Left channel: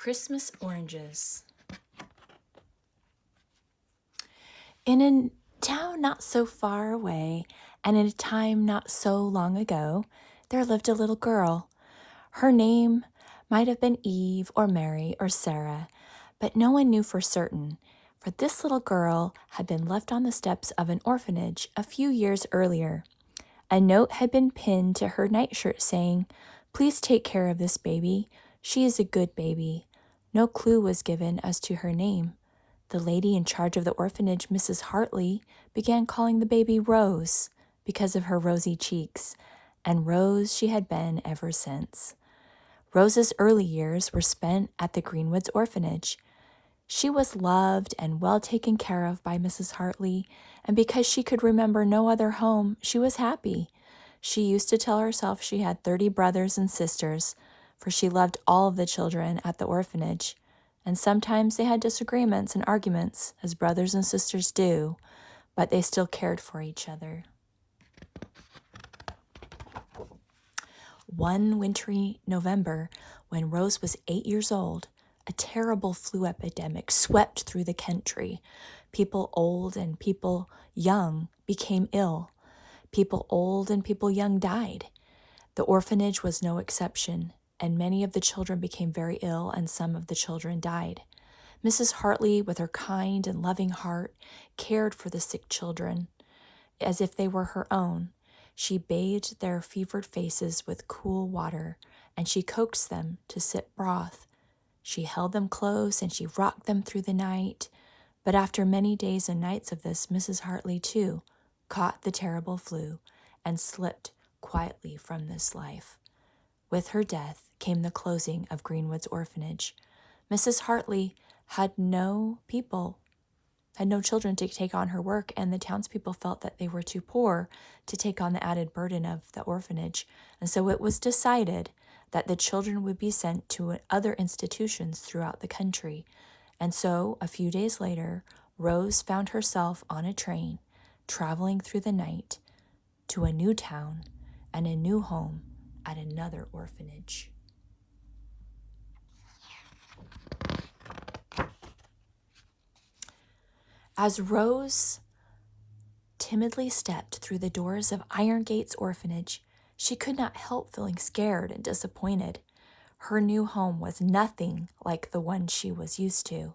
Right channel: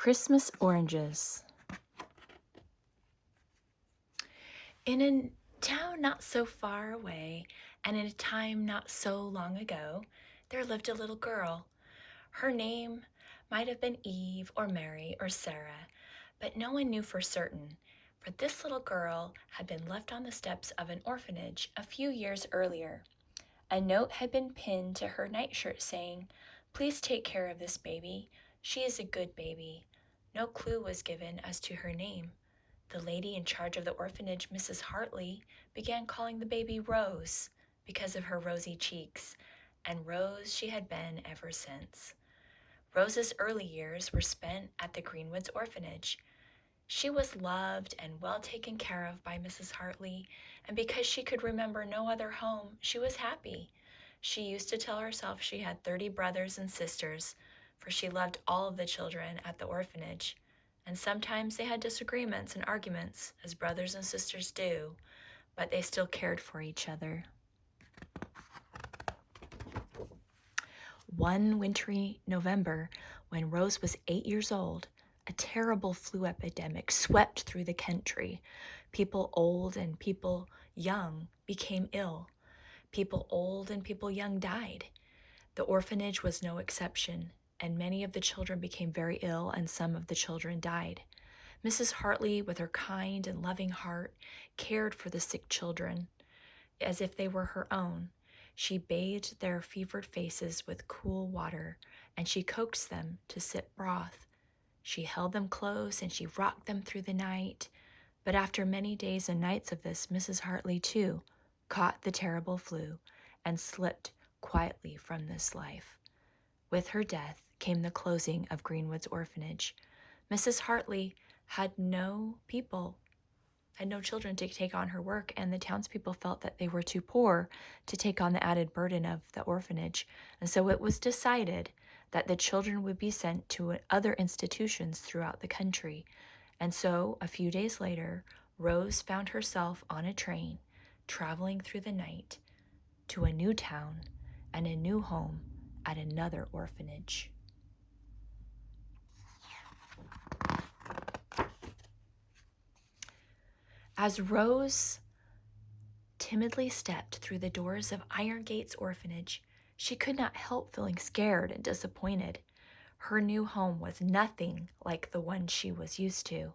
Christmas oranges. In a town not so far away, and in a time not so long ago, there lived a little girl. Her name might have been Eve or Mary or Sarah, but no one knew for certain, for this little girl had been left on the steps of an orphanage a few years earlier. A note had been pinned to her nightshirt saying, "Please take care of this baby. She is a good baby." No clue was given as to her name. The lady in charge of the orphanage, Mrs. Hartley, began calling the baby Rose because of her rosy cheeks, and Rose she had been ever since. Rose's early years were spent at the Greenwoods orphanage. She was loved and well taken care of by Mrs. Hartley, and because she could remember no other home, she was happy. She used to tell herself she had 30 brothers and sisters, for she loved all of the children at the orphanage. And sometimes they had disagreements and arguments, as brothers and sisters do, but they still cared for each other. One wintry November, when Rose was 8 years old, a terrible flu epidemic swept through the country. People old and people young became ill. People old and people young died. The orphanage was no exception, and many of the children became very ill, and some of the children died. Mrs. Hartley, with her kind and loving heart, cared for the sick children as if they were her own. She bathed their fevered faces with cool water, and she coaxed them to sip broth. She held them close, and she rocked them through the night. But after many days and nights of this, Mrs. Hartley, too, caught the terrible flu and slipped quietly from this life. With her death came the closing of Greenwood's orphanage. Mrs. Hartley had no children to take on her work, and the townspeople felt that they were too poor to take on the added burden of the orphanage. And so it was decided that the children would be sent to other institutions throughout the country. And so a few days later, Rose found herself on a train, traveling through the night to a new town and a new home at another orphanage. As Rose timidly stepped through the doors of Iron Gates Orphanage, she could not help feeling scared and disappointed. Her new home was nothing like the one she was used to.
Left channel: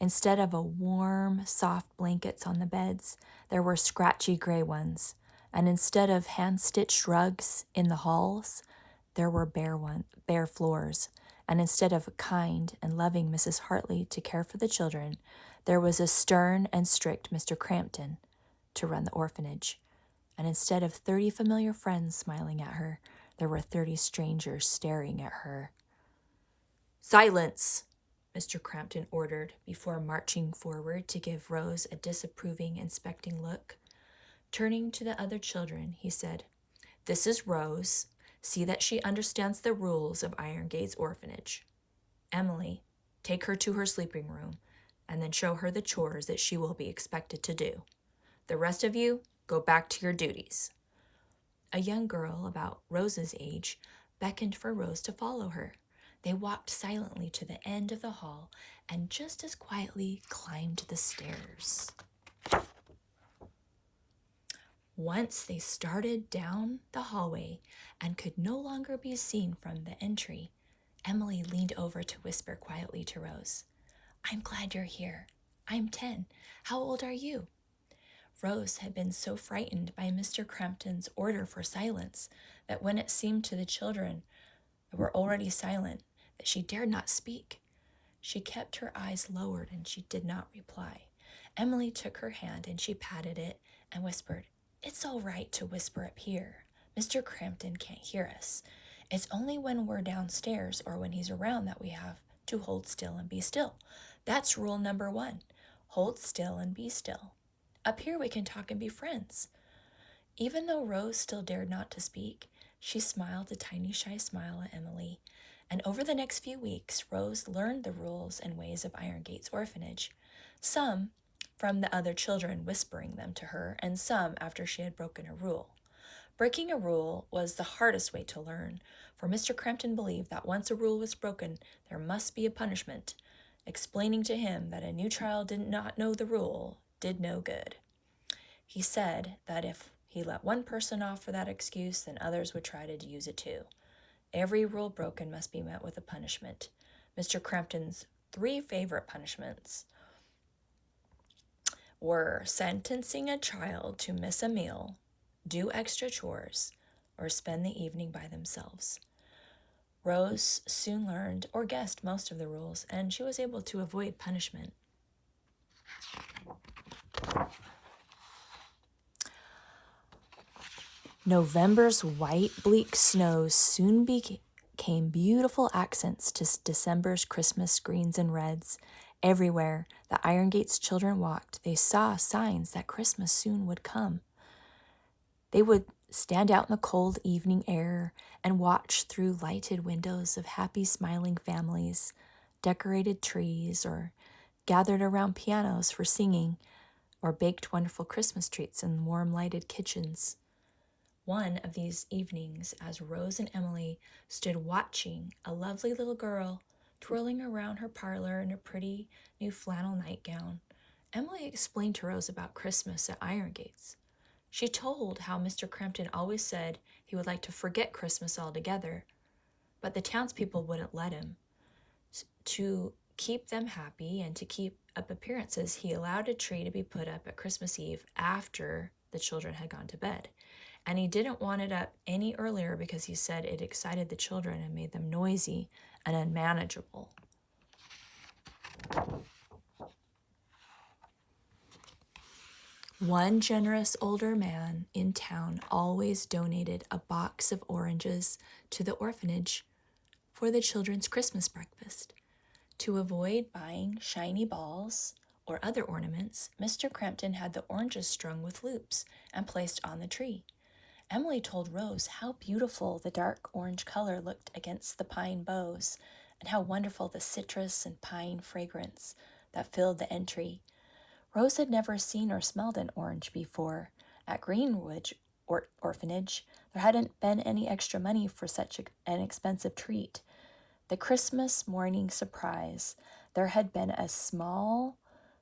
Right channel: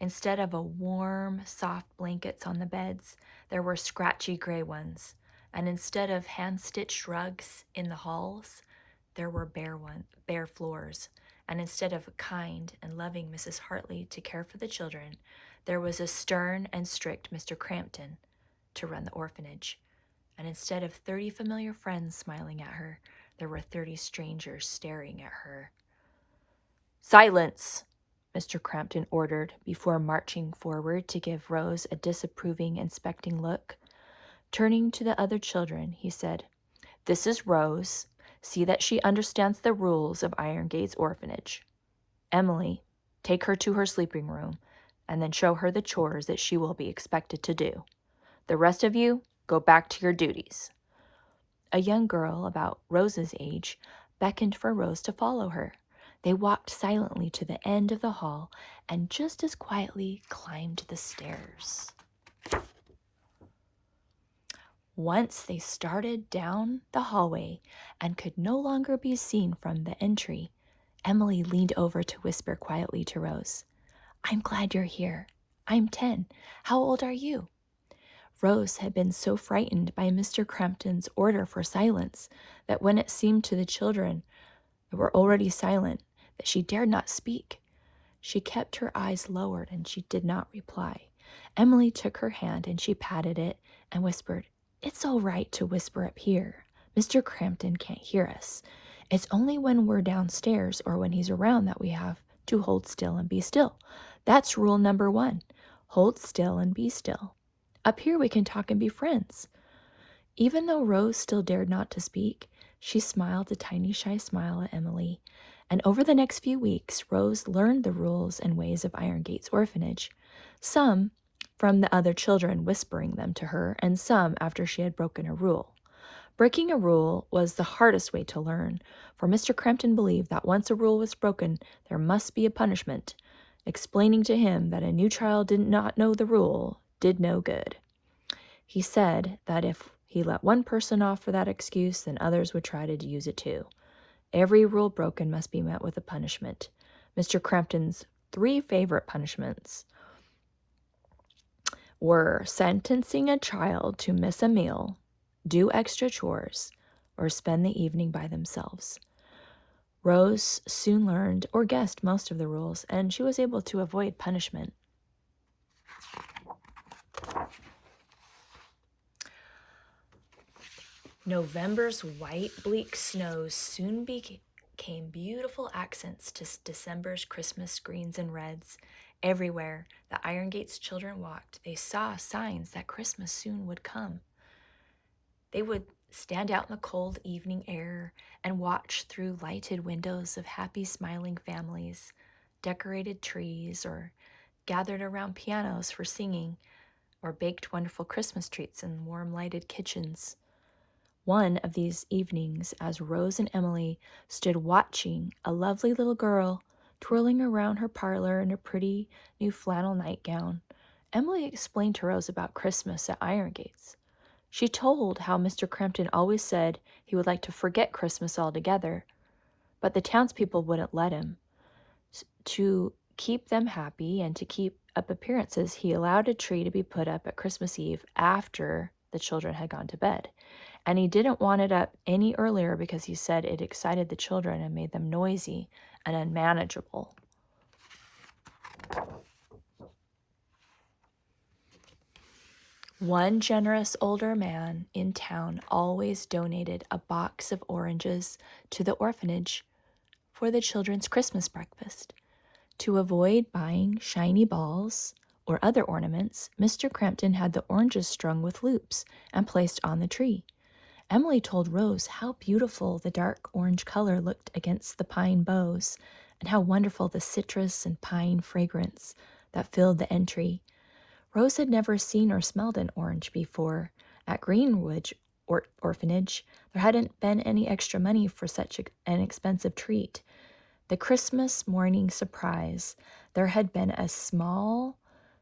Instead of a warm, soft blankets on the beds, there were scratchy gray ones. And instead of hand-stitched rugs in the halls, there were bare floors. And instead of a kind and loving Mrs. Hartley to care for the children, there was a stern and strict Mr. Crampton to run the orphanage. And instead of 30 familiar friends smiling at her, there were 30 strangers staring at her. "Silence!" Mr. Crampton ordered before marching forward to give Rose a disapproving, inspecting look. Turning to the other children, he said, "This is Rose. See that she understands the rules of Iron Gates Orphanage. Emily, take her to her sleeping room and then show her the chores that she will be expected to do. The rest of you, go back to your duties." A young girl about Rose's age beckoned for Rose to follow her. They walked silently to the end of the hall and just as quietly climbed the stairs. Once they started down the hallway and could no longer be seen from the entry, Emily leaned over to whisper quietly to Rose, "I'm glad you're here. I'm 10. How old are you?" Rose had been so frightened by Mr. Crampton's order for silence that when it seemed to the children that were already silent that she dared not speak. She kept her eyes lowered and she did not reply. Emily took her hand and she patted it and whispered, "It's all right to whisper up here. Mr. Crampton can't hear us. It's only when we're downstairs or when he's around that we have to hold still and be still. That's rule number 1. Hold still and be still. Up here we can talk and be friends." Even though Rose still dared not to speak, she smiled a tiny shy smile at Emily. And over the next few weeks, Rose learned the rules and ways of Iron Gates Orphanage. Some from the other children whispering them to her, and some after she had broken a rule. Breaking a rule was the hardest way to learn, for Mr. Crampton believed that once a rule was broken, there must be a punishment. Explaining to him that a new child did not know the rule did no good. He said that if he let one person off for that excuse, then others would try to use it too. Every rule broken must be met with a punishment. Mr. Crampton's 3 favorite punishments were sentencing a child to miss a meal, do extra chores, or spend the evening by themselves. Rose soon learned or guessed most of the rules, and she was able to avoid punishment. November's white, bleak snows soon became beautiful accents to December's Christmas greens and reds. Everywhere the Iron Gates children walked, they saw signs that Christmas soon would come. They would stand out in the cold evening air and watch through lighted windows of happy, smiling families, decorated trees, or gathered around pianos for singing, or baked wonderful Christmas treats in warm, lighted kitchens. One of these evenings, as Rose and Emily stood watching a lovely little girl twirling around her parlor in a pretty new flannel nightgown, Emily explained to Rose about Christmas at Iron Gates. She told how Mr. Crampton always said he would like to forget Christmas altogether, but the townspeople wouldn't let him. To keep them happy and to keep up appearances, he allowed a tree to be put up at Christmas Eve after the children had gone to bed. And he didn't want it up any earlier because he said it excited the children and made them noisy and unmanageable. One generous older man in town always donated a box of oranges to the orphanage for the children's Christmas breakfast. To avoid buying shiny balls or other ornaments, Mr. Crampton had the oranges strung with loops and placed on the tree. Emily told Rose how beautiful the dark orange color looked against the pine boughs and how wonderful the citrus and pine fragrance that filled the entry. Rose had never seen or smelled an orange before. At Greenwood Orphanage, there hadn't been any extra money for such an expensive treat. The Christmas morning surprise, there had been a small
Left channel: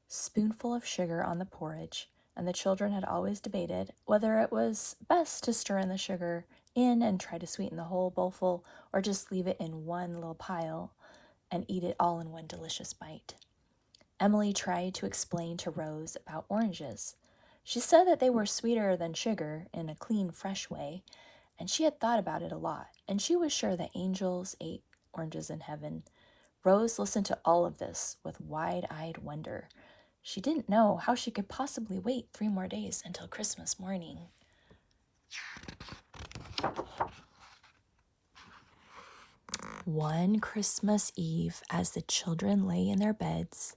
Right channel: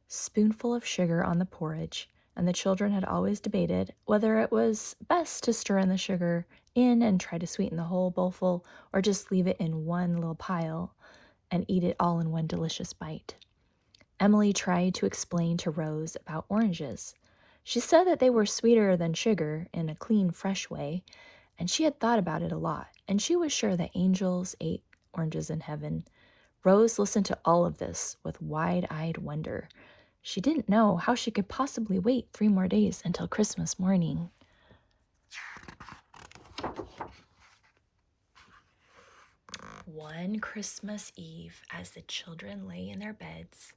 spoonful of sugar on the porridge, and the children had always debated whether it was best to stir in the sugar in and try to sweeten the whole bowlful, or just leave it in one little pile and eat it all in one delicious bite. Emily tried to explain to Rose about oranges. She said that they were sweeter than sugar in a clean, fresh way, and she had thought about it a lot, and she was sure that angels ate oranges in heaven. Rose listened to all of this with wide-eyed wonder. She didn't know how she could possibly wait 3 more days until Christmas morning. One Christmas Eve, as the children lay in their beds,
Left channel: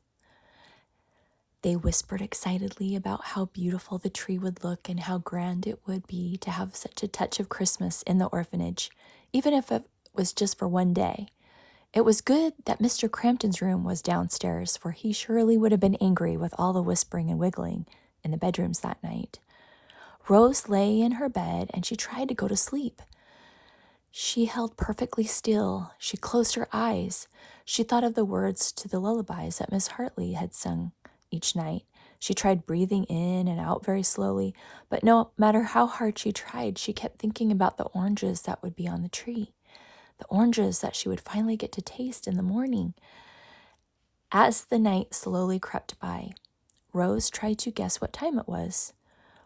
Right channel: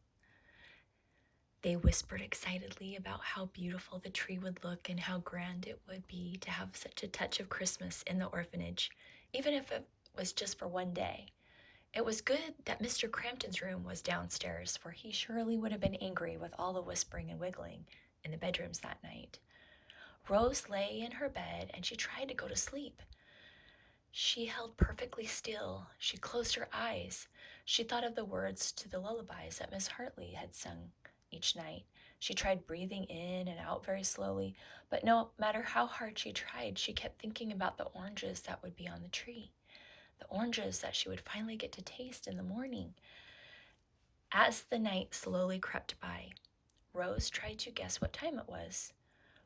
they whispered excitedly about how beautiful the tree would look and how grand it would be to have such a touch of Christmas in the orphanage, even if it was just for one day. It was good that Mr. Crampton's room was downstairs, for he surely would have been angry with all the whispering and wiggling in the bedrooms that night. Rose lay in her bed and she tried to go to sleep. She held perfectly still. She closed her eyes. She thought of the words to the lullabies that Miss Hartley had sung each night. She tried breathing in and out very slowly, but no matter how hard she tried, she kept thinking about the oranges that would be on the tree, the oranges that she would finally get to taste in the morning. As the night slowly crept by, Rose tried to guess what time it was.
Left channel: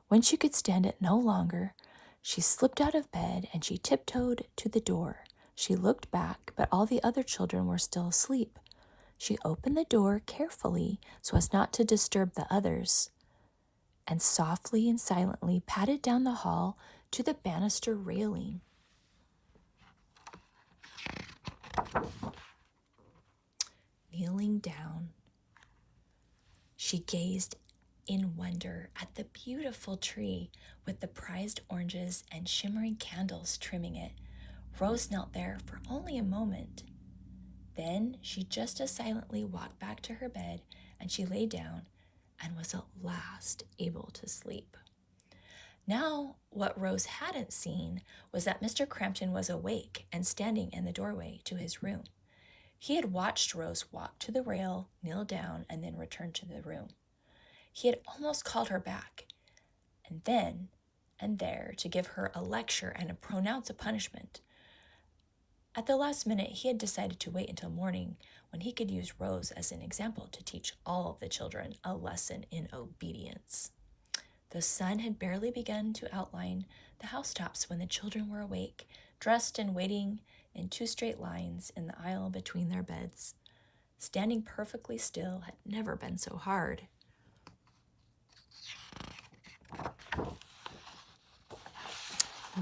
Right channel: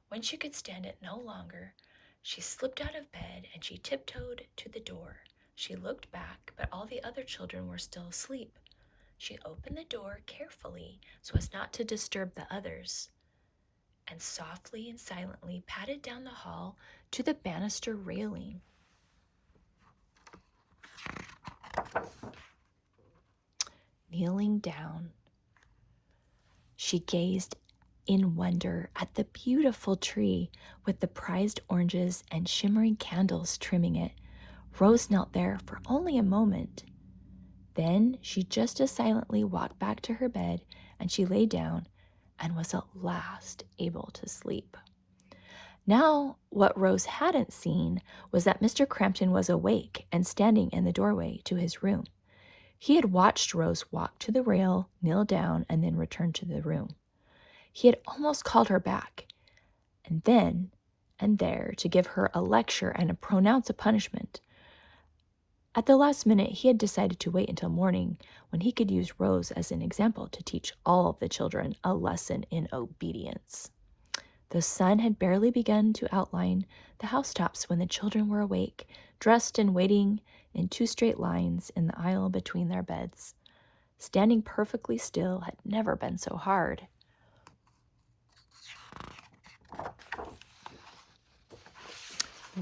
When she could stand it no longer, she slipped out of bed and she tiptoed to the door. She looked back, but all the other children were still asleep. She opened the door carefully so as not to disturb the others, and softly and silently padded down the hall to the banister railing. Kneeling down, she gazed in wonder at the beautiful tree with the prized oranges and shimmering candles trimming it. Rose knelt there for only a moment. Then she just as silently walked back to her bed, and she lay down and was at last able to sleep. Now, what Rose hadn't seen was that Mr. Crampton was awake and standing in the doorway to his room. He had watched Rose walk to the rail, kneel down, and then return to the room. He had almost called her back, and then and there to give her a lecture and pronounce a punishment. At the last minute, he had decided to wait until morning when he could use Rose as an example to teach all of the children a lesson in obedience. The sun had barely begun to outline the housetops when the children were awake, dressed and waiting in 2 straight lines in the aisle between their beds. Standing perfectly still had never been so hard.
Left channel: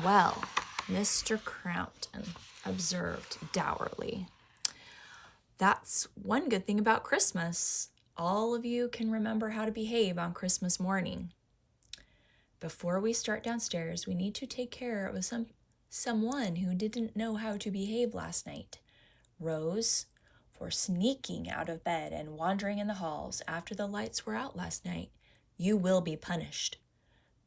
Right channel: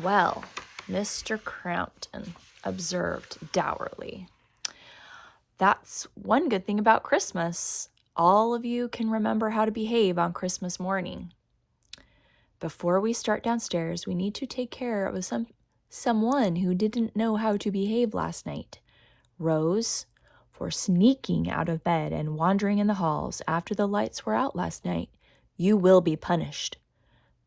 Well, Mr. Crampton observed dourly, "That's one good thing about Christmas. All of you can remember how to behave on Christmas morning. Before we start downstairs, we need to take care of someone who didn't know how to behave last night. Rose, for sneaking out of bed and wandering in the halls after the lights were out last night, you will be punished.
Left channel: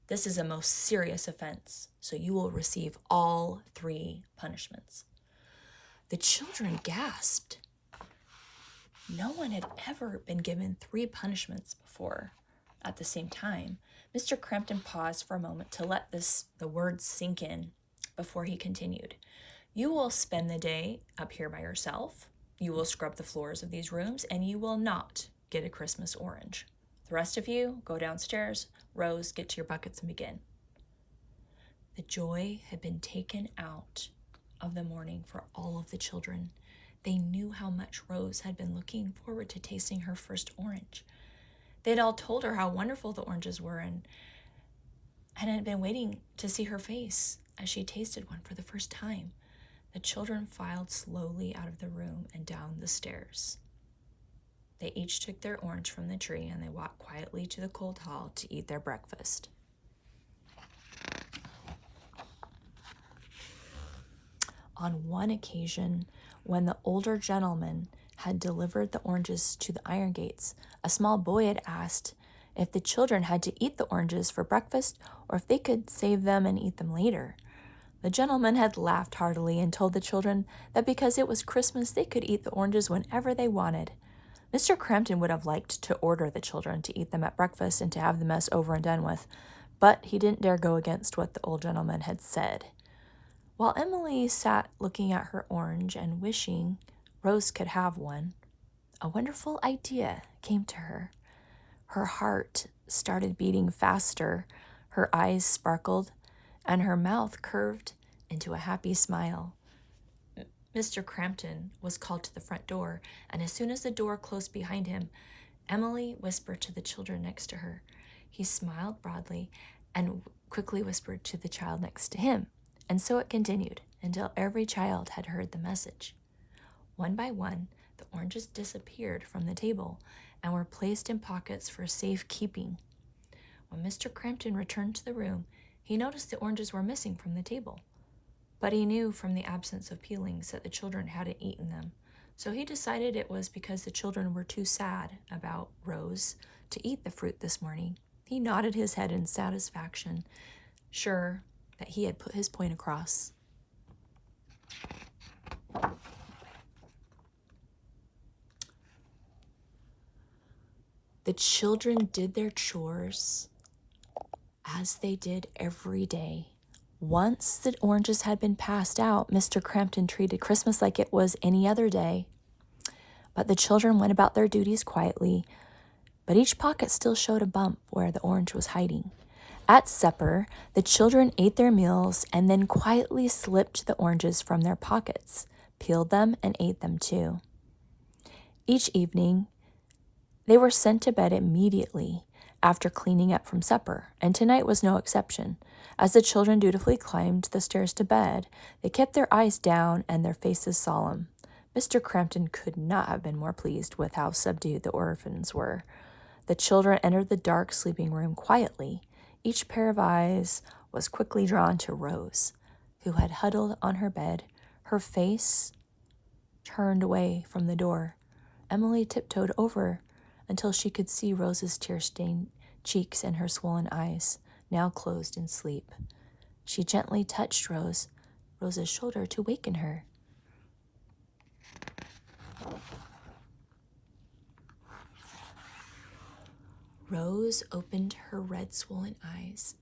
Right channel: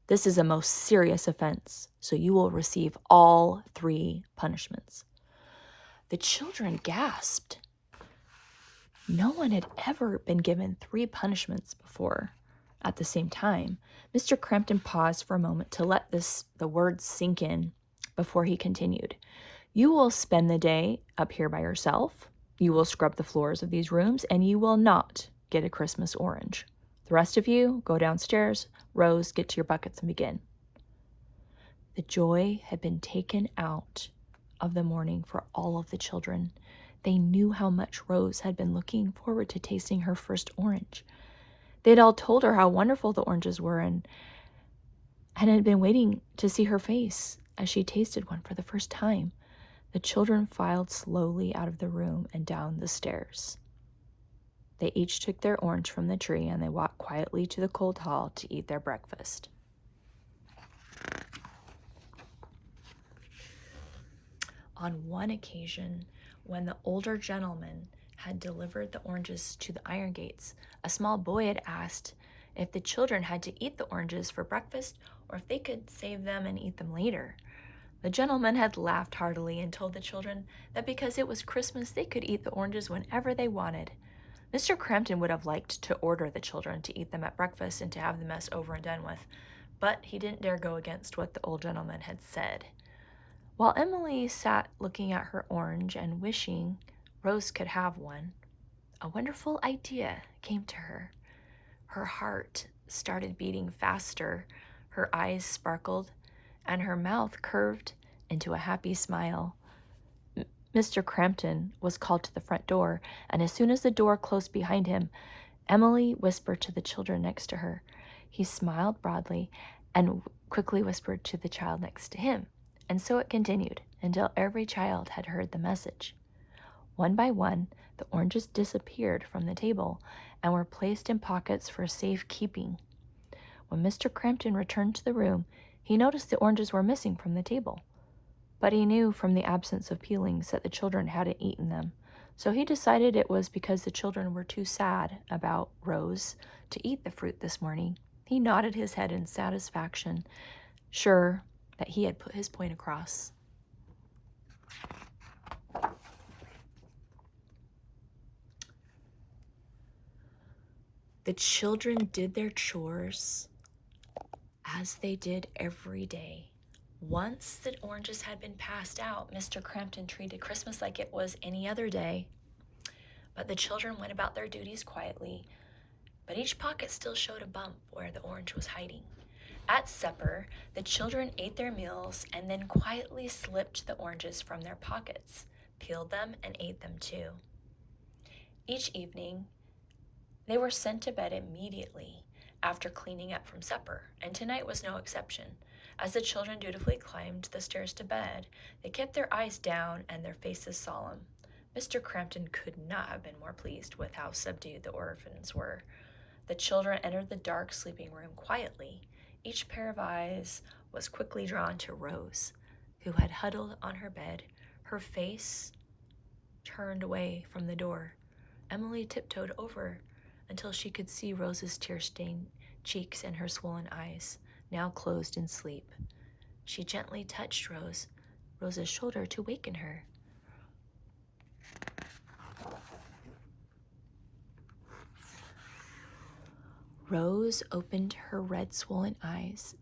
This is a most serious offense, so you will receive all 3 punishments." The children gasped. No one had ever been given 3 punishments before at the same time. Mr. Crampton paused for a moment to let the words sink in before he continued. "You will spend the day up here by yourself. You will scrub the floors of these rooms, and you will not get a Christmas orange. The rest of you, go downstairs. Rose, get to your buckets and begin." The joy had been taken out of the morning for all of the children. They knew how much Rose had been looking forward to tasting her first orange. They had all told her how wonderful the oranges were and had been waiting to see her face as she tasted one for the first time. The children filed slowly out of the room and down the stairs. They each took their orange from the tree and they walked quietly to the cold hall to eat their breakfast. On one occasion, when the older gentleman had delivered the oranges to the iron gates, a small boy had asked if the children had to eat the oranges for breakfast or if they could save them and eat them later. The gentleman had laughed heartily and told the children that because it was Christmas, they could eat the oranges whenever they wanted. Mr. Crampton would have liked to order the children to eat them at breakfast and to have the mess over and done with, but he didn't dare go against what the old gentleman had said. While Emily sat looking at her orange and wishing Rose could have one, a wonderful idea came to her. Her heart started beating faster, her eyes sparkled, and her mouth curved into a happy smile. Mr. Crampton was called to the front door, and as soon as the door closed behind him, Emily whispered to the children next to her. He smiled broadly and quickly whispered to the child next to him. And so it continued until every child had heard the message. One by one, the oranges disappeared from the table and were placed in pockets for safekeeping. When Mr. Crampton returned to the room, he noticed the oranges were missing from the table. But he knew from the absence of peelings that the children hadn't eaten them, so he decided it was because the children were too sad about Rose to eat the fruit this morning. He nodded his head in satisfaction, sure that he had put his point across. The children did their chores as they did every day. Once the oranges had been passed out, Mr. Crampton treated Christmas like it was any other day. But the children went about their duties quietly, but each pocket still showed a bump where the orange was hiding. At supper, the children ate their meals and then quietly slipped the oranges from their pockets, peeled them, and ate them too. Each evening, they were sent to bed immediately after cleaning up from supper, and tonight was no exception. As the children dutifully climbed the stairs to bed, they kept their eyes down and their faces solemn. Mr. Crampton could not have been more pleased with how subdued the orphans were. The children entered the dark sleeping room quietly. Each pair of eyes was quickly drawn to Rose, who had huddled on her bed, her face turned away from the door. Emily tiptoed over until she could see Rose's tear-stained cheeks and her swollen eyes. now closed in sleep. She gently touched Rose's shoulder to waken her. Rose opened her red, swollen eyes,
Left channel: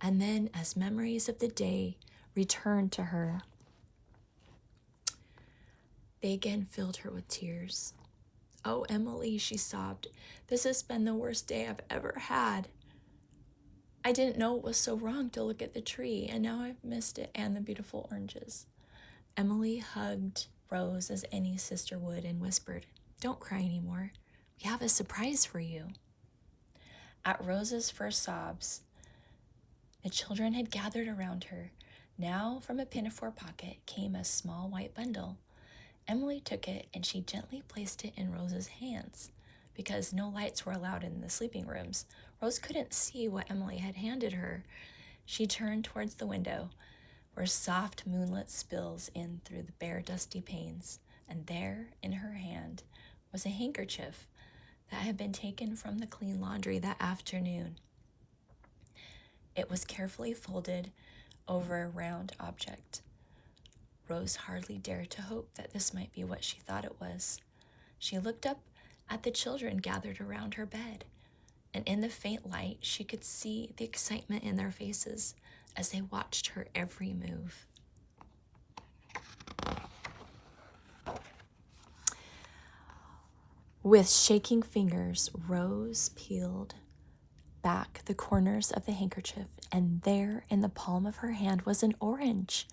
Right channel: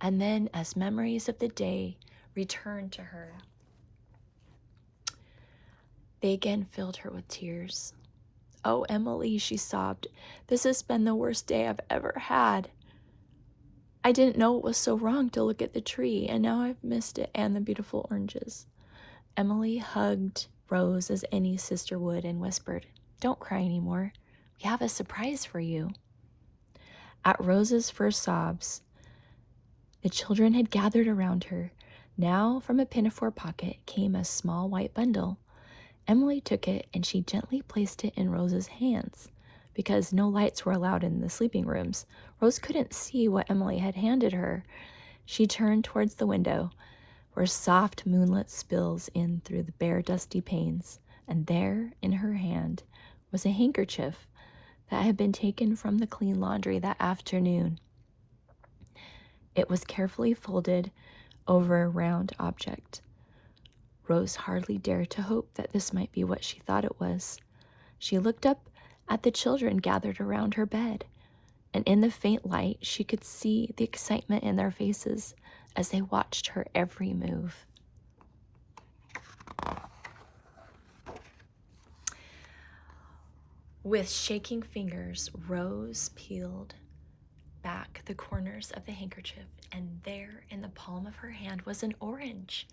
and then, as memories of the day returned to her, they again filled her with tears. "Oh, Emily," she sobbed, "this has been the worst day I've ever had. I didn't know it was so wrong to look at the tree, and now I've missed it and the beautiful oranges." Emily hugged Rose as any sister would and whispered, "Don't cry anymore. We have a surprise for you." At Rose's first sobs, the children had gathered around her. Now from a pinafore pocket came a small white bundle. Emily took it and she gently placed it in Rose's hands. Because no lights were allowed in the sleeping rooms, Rose couldn't see what Emily had handed her. She turned towards the window, where soft moonlight spills in through the bare, dusty panes, and there, in her hand, was a handkerchief that had been taken from the clean laundry that afternoon. It was carefully folded over a round object. Rose hardly dared to hope that this might be what she thought it was. She looked up at the children gathered around her bed, and in the faint light, she could see the excitement in their faces as they watched her every move. With shaking fingers, Rose peeled back the corners of the handkerchief, and there in the palm of her hand was an orange.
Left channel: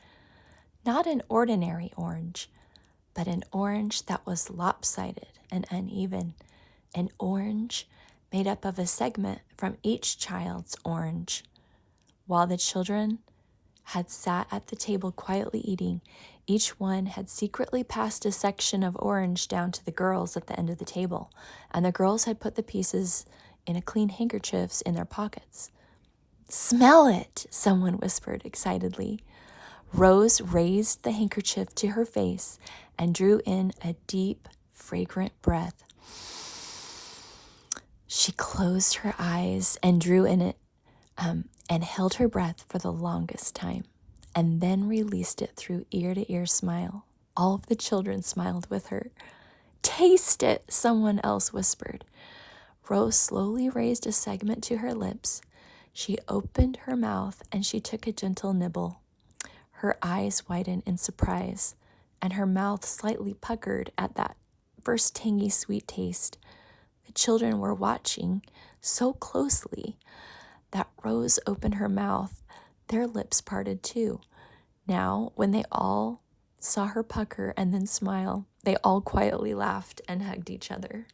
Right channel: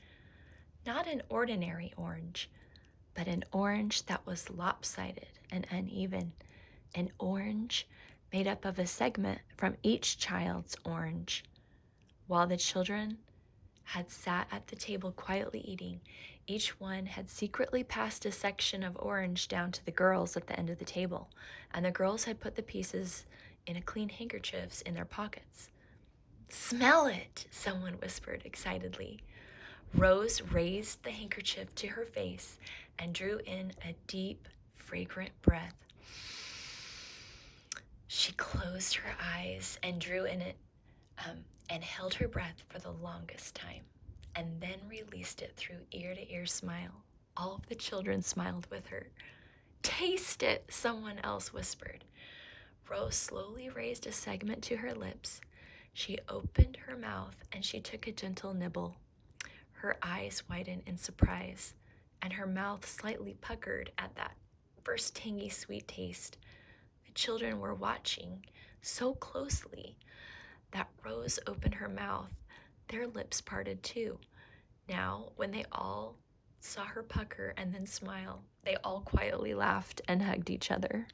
Not an ordinary orange, but an orange that was lopsided and uneven. An orange made up of a segment from each child's orange. While the children had sat at the table quietly eating, each one had secretly passed a section of orange down to the girls at the end of the table, and the girls had put the pieces in clean handkerchiefs in their pockets. "Smell it," someone whispered excitedly. Rose raised the handkerchief to her face and drew in a deep, fragrant breath. She closed her eyes and drew in it and held her breath for the longest time, and then released it through ear-to-ear smile. All of the children smiled with her. "Taste it," someone else whispered. Rose slowly raised a segment to her lips. She opened her mouth and she took a gentle nibble. Her eyes widened in surprise, and her mouth slightly puckered at that first tangy sweet taste. The children were watching so closely that Rose opened her mouth. Their lips parted too. Now, when they all saw her pucker and then smile, they all quietly laughed and hugged each other.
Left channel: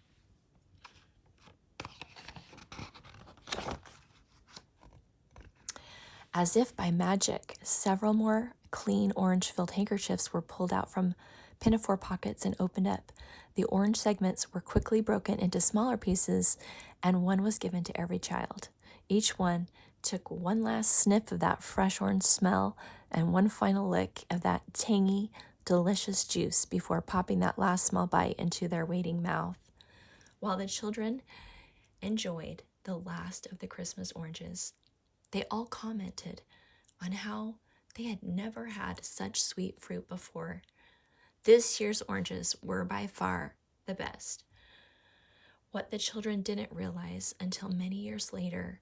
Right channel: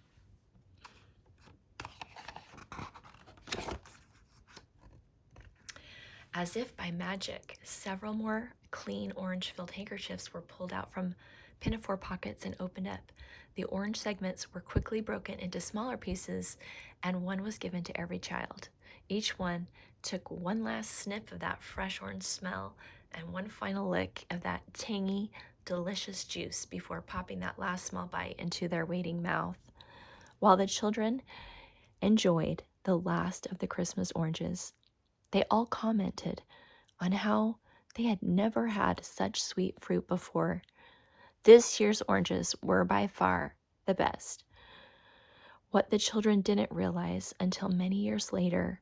As if by magic, several more clean orange-filled handkerchiefs were pulled out from pinafore pockets and opened up. The orange segments were quickly broken into smaller pieces, and one was given to every child. Each one took one last sniff of that fresh orange smell and one final lick of that tangy, delicious juice before popping that last small bite into their waiting mouth. While the children enjoyed the last of the Christmas oranges, they all commented on how they had never had such sweet fruit before. This year's oranges were by far the best. What the children didn't realize until many years later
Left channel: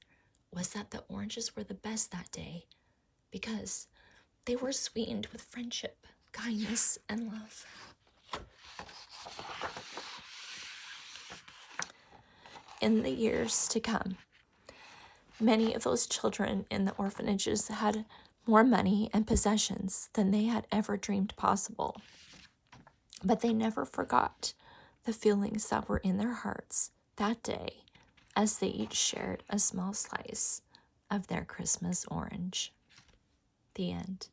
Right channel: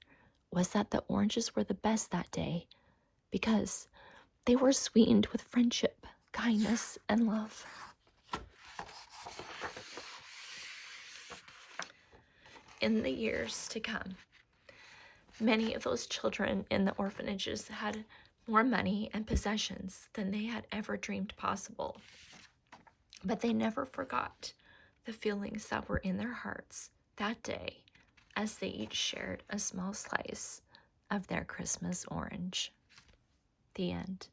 was that the oranges were the best that day because they were sweetened with friendship, kindness, and love. In the years to come, many of those children in the orphanages had more money and possessions than they had ever dreamed possible. But they never forgot the feelings that were in their hearts that day as they each shared a small slice of their Christmas orange. The end.